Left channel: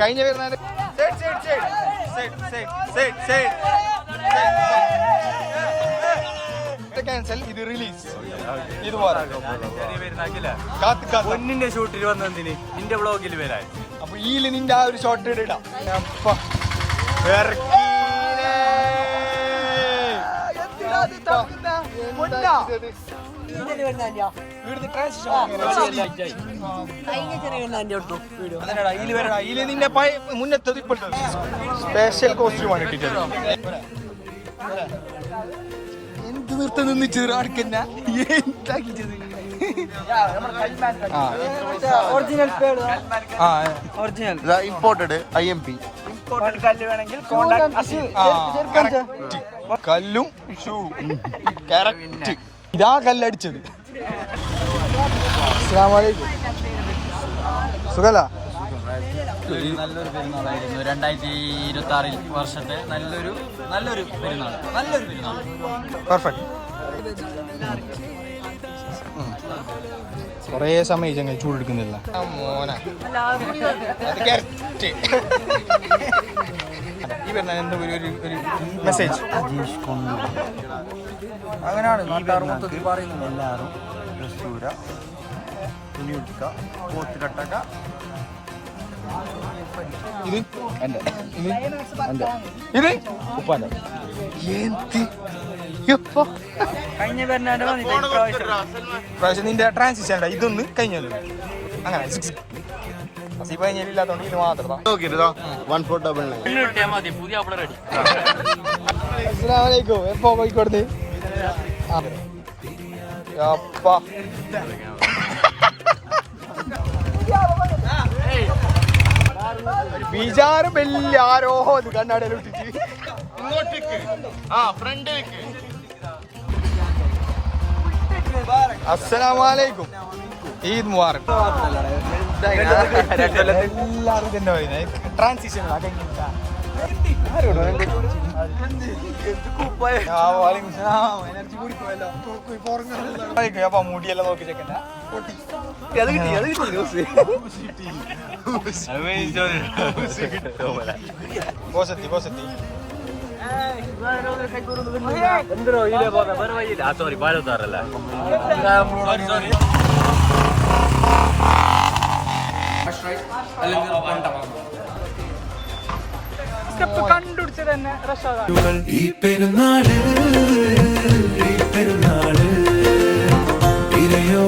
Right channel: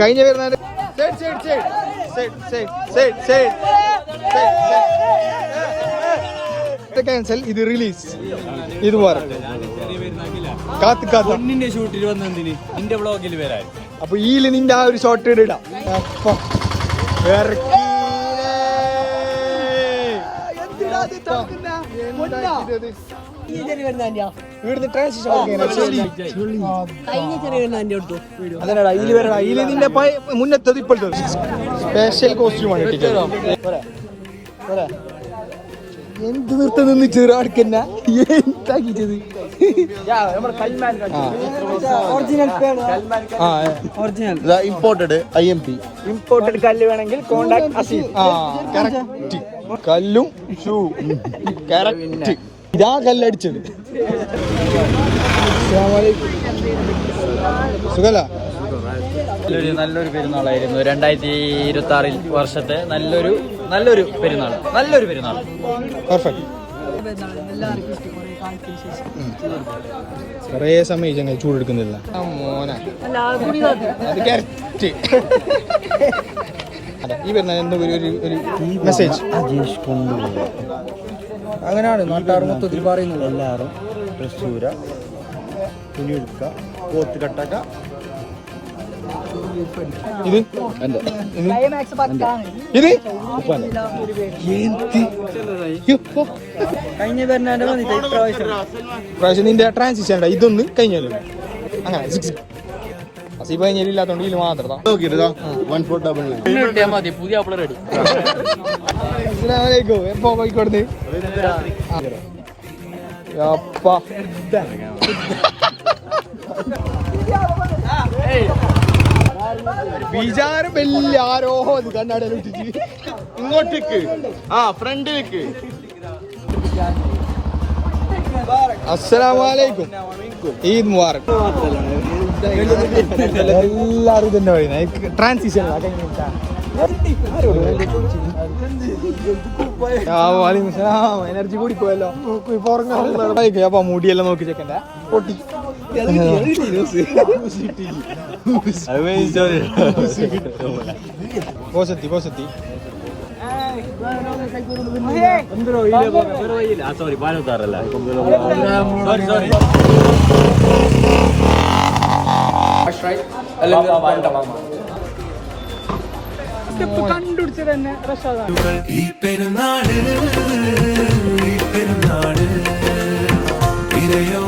കഴിഞ്ഞ വരുന്ന ക്യാൻസൽ, ഇത് റിലീസ്. ഇതുപോലെ പൊന്നിന്റെ ഷൂട്ടിൽ വന്നെന്തിന് നിന്റെ വ്ളോഗിൽ വരാൻ. അപ്പൊ ഈല് നിന്റെ ആ ഒരു ഷോട്ട് ഇടാം. മുന്നത്തത് ഇപ്പോഴത്തെ സ്പെഷ്യൽ കോസ്റ്റ്യൂമാണ്. എന്ത് നിർത്തം നിന്ന് ചെറുക്കന്ന എന്താക്കിച്ചത്? ഇമ്പോർട്ടഡ് IMP ഇമ്പോർട്ടഡ് കല്ല് വേണമെങ്കിൽ കോണ്ടാക്ട് അസീം. കല്ലും ഷൂ കറക്റ്റ്. ഇതാ കല്ലടിച്ചത്. സുഖല്ല. നല്ലൊരു പെരുന്നാളായിരുന്നു 2026 വർഷത്തെ നല്ലൊരു പെരുന്നാൾ. പെർഫെക്റ്റ്. കൊറേ സമയം ചങ്ങ ചൂടെടുക്കുന്നില്ല. ഈ വരുന്ന എന്തോ ഒരു മെസ്സേജ് അങ്ങനെയാണ് നാട്ടുകാർ മൊത്തത്തിൽ പറയുന്നത്. എല്ലാവരും ഡ്രസ്സൂര, തുണി എടുക്ക, പോത്ത് കട്ടക്ക. കഴിഞ്ഞ പെരുന്നാളിന്റെ വന്നിട്ട് പ്രാവശ്യം നിന്റെ ട്രാൻസിഷൻ ഇതൊന്ന് കഴിഞ്ഞല്ലോ. അങ്ങനെ കഴിഞ്ഞില്ലാത്തോണ്ട് ഇതിൽ മാത്രം മതി. പുതിയ റെഡി. എപ്പോ കോഴിക്കോട് ബീജാറ് ബെല്ലാരോ കണ്ണാടയിലിട്ടിട്ട് ഇങ്ങോട്ടേക്ക് ഫ്രണ്ടിലേക്ക്. അസ്സലാമലൈക്കും. ഈദ് മുബാറക്. എല്ലാരും തന്നെ പറയുന്നത് ട്രാൻസിഷൻ എനർജി കൂടി പോയല്ലോ. അപ്പൊ മുടിയെല്ലാം നോക്കി ചെക്കണ്ട പൊട്ടി. സോറി ഭാരതാറല്ല. കണ്ടുപിടിച്ച തന്നെ ഈ പെരുന്നാള് ഇരയോ